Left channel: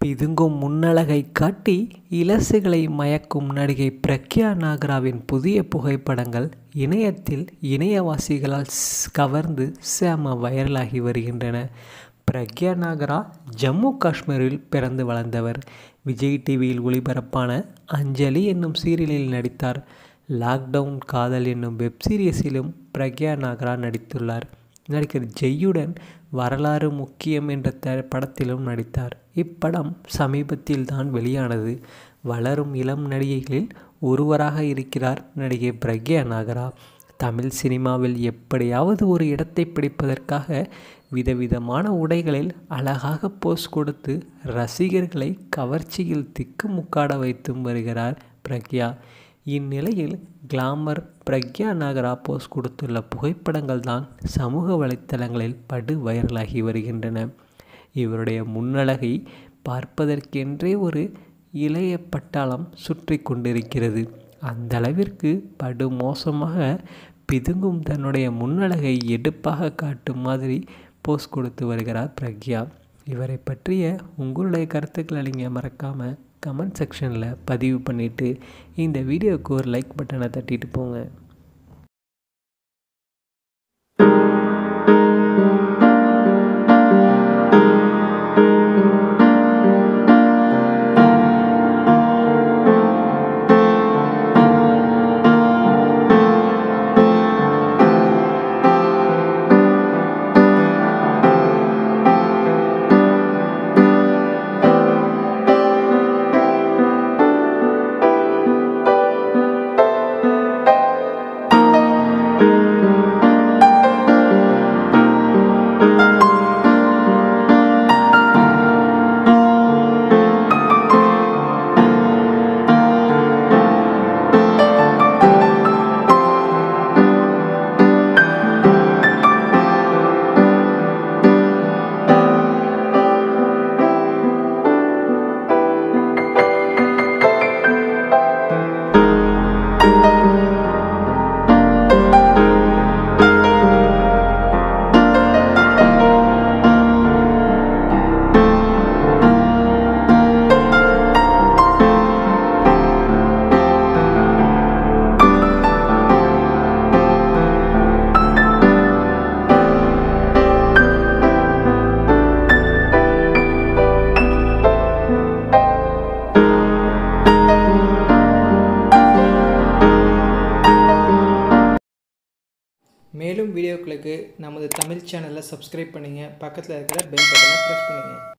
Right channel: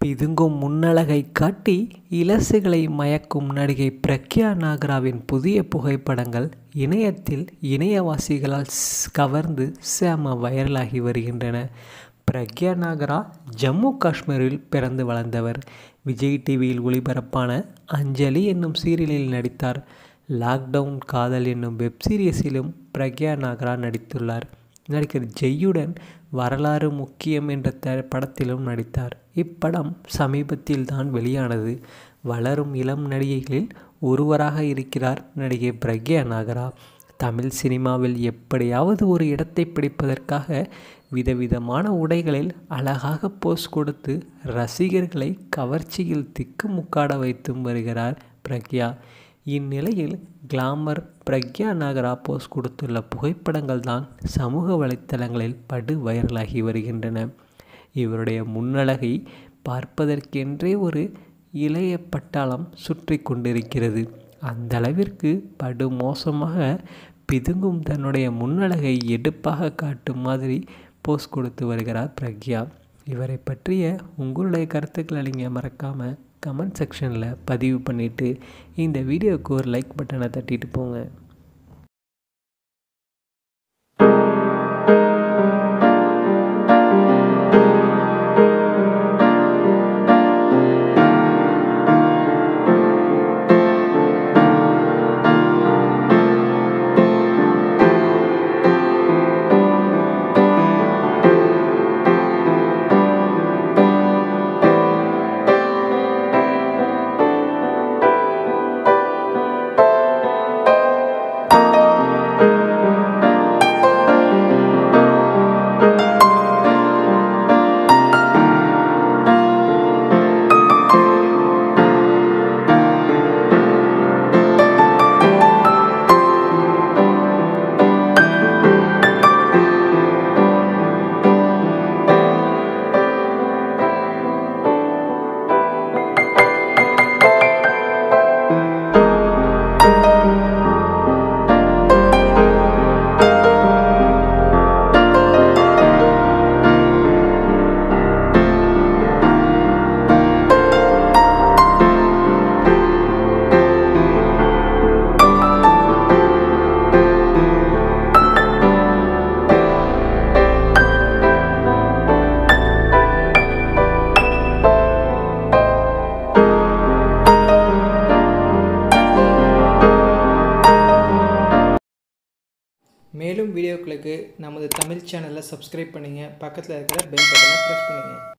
பிதுங்கும் முன்னழகை காட்டி இளசுகளை மயக்கும் நடிகை பிரக்யா நாகராவின் புதிய புகைப்படங்கள் இணையத்தில் இணையவாசிகளால் கவர்ந்து செம வைரலாகி வருகின்றன. பிரக்யா நாகரா ஜம்மு காஷ்மீரில் பிறந்து வளர்ந்தவர். விஜய் டிவியில் ஒளிபரப்பான அஞ்சலி என்னும் சீரியலில் நடித்தார். லாக்டவுன் காதல் என்னும் வெப்சீரிஸிலும் பிரக்யா நாகரா நடித்துள்ளார். நடிகர் ஜெய்யுடன் வரலாறு முக்கியம் என்ற படத்திலும் நடித்தார். இப்படம் சமீபத்தில் தான் வெளியானது. வளரும் இளம் நடிகைகளில் ஒருவராக இருக்கிறார் நடிகை பிரக்யா நாகரா. தமிழ் சினிமாவில் எப்படியாவது ஒரு இடத்தை பிடிப்பதற்காக விதவிதமான உடைகளில் அழகாக போஸ் கொடுத்து ரசிகர்களை கவர்ச்சியில் திக்குமுக்காட வைத்தும் வருகிறார் பிரக்யா. இந்நிலையில் கிளாமர் பிரக்யா நாகரா போஸ் கொடுத்துள்ள புகைப்படங்கள் தான் சமூக வலைத்தளங்களில் படு வைரலாகி வருகின்றன. இவருடைய முன்னழகை பார்ப்பதற்கென்றே ஒரு இளைய பட்டாளம் சுற்றி கொண்டிருக்கிறது. அந்த அளவிற்கு படு மோசமாக பிதுங்கும் தன்னுடைய முன்னழகை எடுப்பாக காட்டும் மாதிரி போஸ் கொடுத்து வருகிறார் பிரக்யா. இவரை பற்றிய உங்களுடைய கருத்துக்களை நீங்கள் மறக்காமல் கமெண்ட் செக்ஷனில் பதிவு பண்ணிவிட்டு இந்த வீடியோவுக்கு ஒரு லைக் பட்டனை தட்டிட்டு போங்க. மேலும் வீடியோக்களுக்கு நமது தமிழ் சேனலை சப்ஸ்கிரைப் பண்ணுங்கள். பக்கத்தில் இருக்கிற பெல் பட்டனை ப்ரெஸ் பண்ணுங்கள்.